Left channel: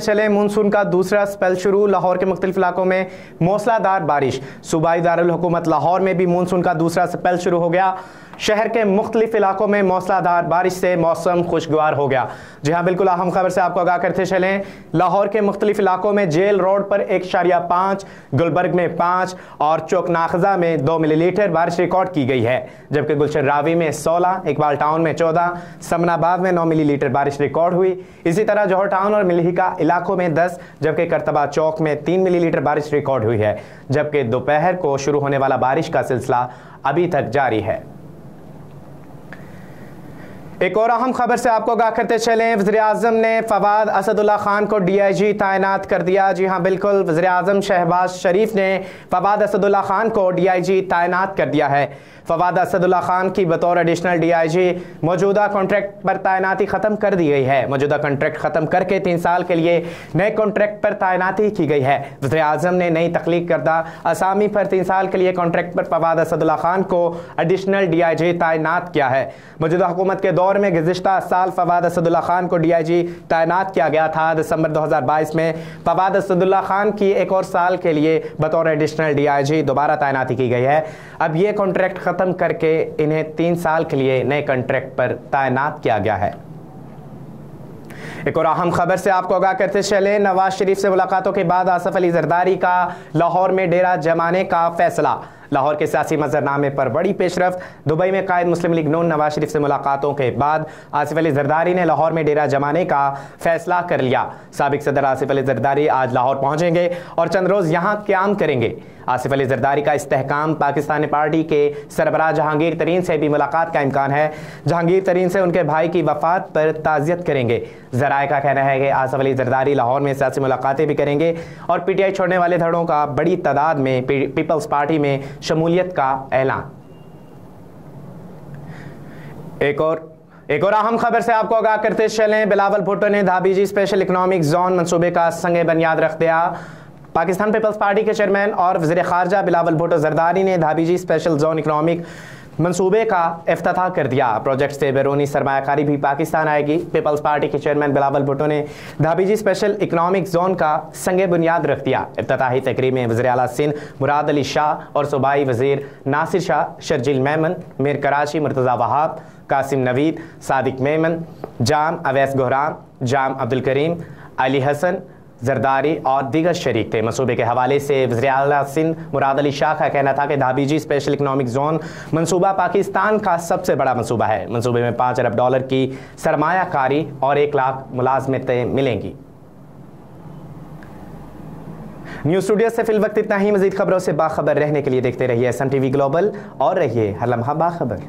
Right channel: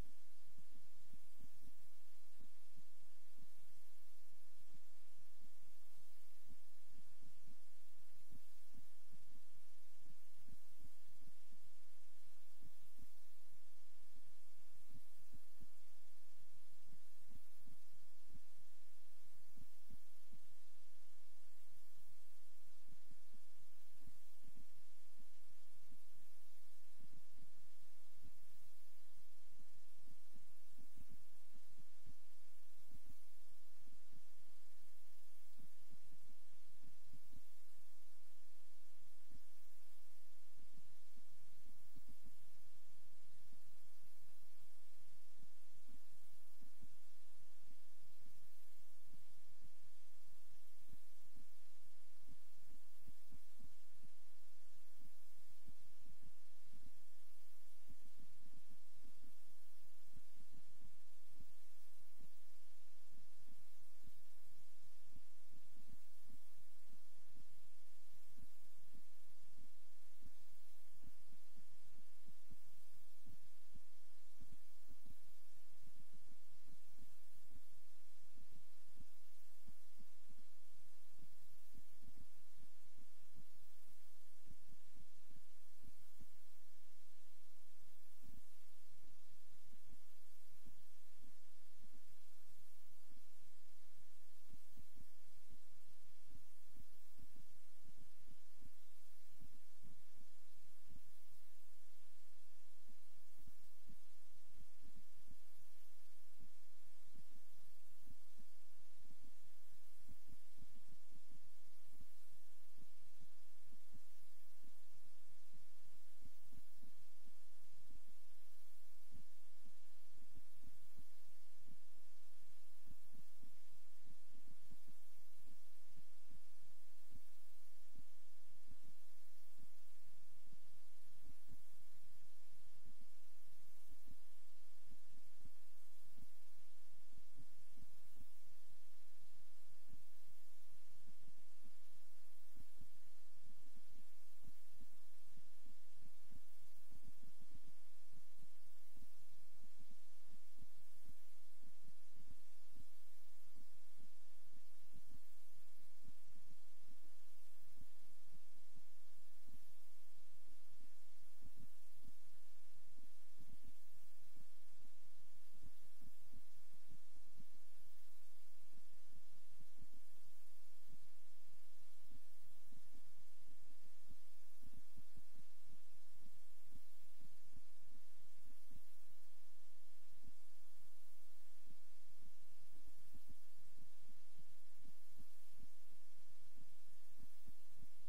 चले मानसून का दूसरा स्पेल शुरू। लाहौर के मुख्तलिफ इलाकों में मूसलाधार बारिश। सूबाई दारुल हुकूमत लाहौर में भी मानसून का दूसरा स्पेल शुरू हो गया। शहर के मुख्तलिफ इलाकों में मूसलाधार बारिश से मौसम खुशगवार हो गया। जी हाँ, बिल्कुल अहम खबर से आपको आगाह करते चलें। लाहौर के मुख्तलिफ इलाकों में जेल रोड पर 1.5, गुलबर्ग में 5 और चौकनाखजा में 2 मिलीलीटर बारिश रिकॉर्ड की गई है, जबकि गुलशन रावी में 16, इकबाल टाउन में 14, समनाबाद में 9 मिलीलीटर बारिश रिकॉर्ड हुई। इसी तरह जौहर टाउन और मिल्हिका इलाकों में 10, जबकि करतबा चौक में 3 मिलीलीटर बारिश रिकॉर्ड हुई है, जबकि दोपहर को शुरू होने वाला बारिश का सिलसिला अभी तक जारी है। एक और अहम खबर से आपको आगाह करते चलें। वज़ीर-ए-आज़म ने फवाद असदुल्ला खान को DIG तैनात कर दिया। जी हाँ, बिल्कुल वज़ीर-ए-आज़म शहबाज शरीफ ने फवाद असदुल्ला खान को DIG तैनात कर दिया है। फवाद असदुल्ला खान की बतौर एडिशनल DIG मौजूदा कॉन्ट्रैक्ट पर तैनाती ख़त्म कर दी गई है। मौजूदा कॉन्ट्रैक्ट ख़त्म करके 3 साल के लिए नए कॉन्ट्रैक्ट पर तैनाती की गई है। वज़ीर-ए-आज़म ने नई तख्लीक करदा असामी पर 3 साल के लिए कॉन्ट्रैक्ट पर फवाद असदुल्ला खान को एडिशनल DIG तैनात किया है। मौजूदा हुकूमत के दौर में गुज़िश्ता साल फवाद असदुल्ला खान को DIG तैनात किया गया था। दिसंबर 2022 में फवाद असदुल्ला खान की एक और साल के लिए बतौर एडिशनल DIG दोबारा तैनाती की गई है। अब ये कॉन्ट्रैक्ट ख़त्म करके इन्हें 3 साल के लिए नए कॉन्ट्रैक्ट पर तैनात किया गया है। एक और अहम खबर से आपको आगाह करते चले। नवाज शरीफ से मुलाकातों के बाद आसिफ अली जरदारी का लाहौर में डेरा जमाने का फैसला। लाहौर के सियासी मंजरनामे पर बड़ी पेशरफ। दुबई में कायद मुस्लिम लीग नून नवाज शरीफ से मुलाकातों के बाद आसिफ अली जरदारी ने लाहौर में डेरा जमाने का फैसला कर लिया। साबिक सदर आसिफ अली जरदारी आज लाहौर पहुंचेंगे और चंद रोज़ यहां क़याम करेंगे। आसिफ अली जरदारी का इस्तेहकाम पाकिस्तानी पार्टी के सरबराह जहांगीर तरीन से भी मुलाकात का इम्कान है। जहांगीर तरीन से उनके भाई की वफात पर ताज़ियत करेंगे। ज़राए का कहना है कि आसिफ अली जरदारी लाहौर में सियासी मुलाकातें भी करेंगे और PTI छोड़ने वाले धड़ों का बड़ी तादाद में पीपल्स पार्टी में शमूलियत का ऐलान। एक और अहम खबर से आपको आगाह करते चलें। बिलावल भुट्टो ने धाबीजी स्पेशल इकनॉमिक जोन मंसूबे का संग बुनियाद रख दिया। पाकिस्तान पीपल्स पार्टी के चेयरमैन और वज़ीर ख़ारजा बिलावल भुट्टो जरदारी ने धाबीजी स्पेशल जोन इकनॉमिक मंसूबे का इफ्तिताह कर दिया। प्रोजेक्ट से बैरूनी सरमायाकारी भी पाकिस्तान आएगी। पीपल्स पार्टी के चेयरमैन बिलावल भुट्टो ने धाबीजी स्पेशल इकनॉमिक जोन का संग बुनियाद रख दिया। इफ्तिताही तकरीब में वज़ीर आला सिंध मुराद अली शाह और सूबाई वज़ीर नासिर शाह, शर्जील मेमन, मीर कराची मुर्तज़ा वहाब, कासिम नवीद, सादिक मेमन, जाम अवैस गोहरान, जाम अब्दुल करीम, अली हसन जरदारी और दीगर शरीक थे। मंसूबे के हवाले से वज़ीर आला सिंध मुराद अली शाह का कहना था कि धाबीजी स्पेशल इकनॉमिक जोन मंसूबा पाकिस्तान का सबसे बड़ा मंसूबा है। मंसूबे में $5 अरब की सरमायाकारी और 1 लाख मुलाजमतें मिलेंगी। न्यूज़ स्टूडियो से फिल वक्त इतना ही। मज़ीद खबरों से बाखबर रहने के लिए देखते रहिए SMTV ग्लोबल और रहिए हर लम्हा बाखबर।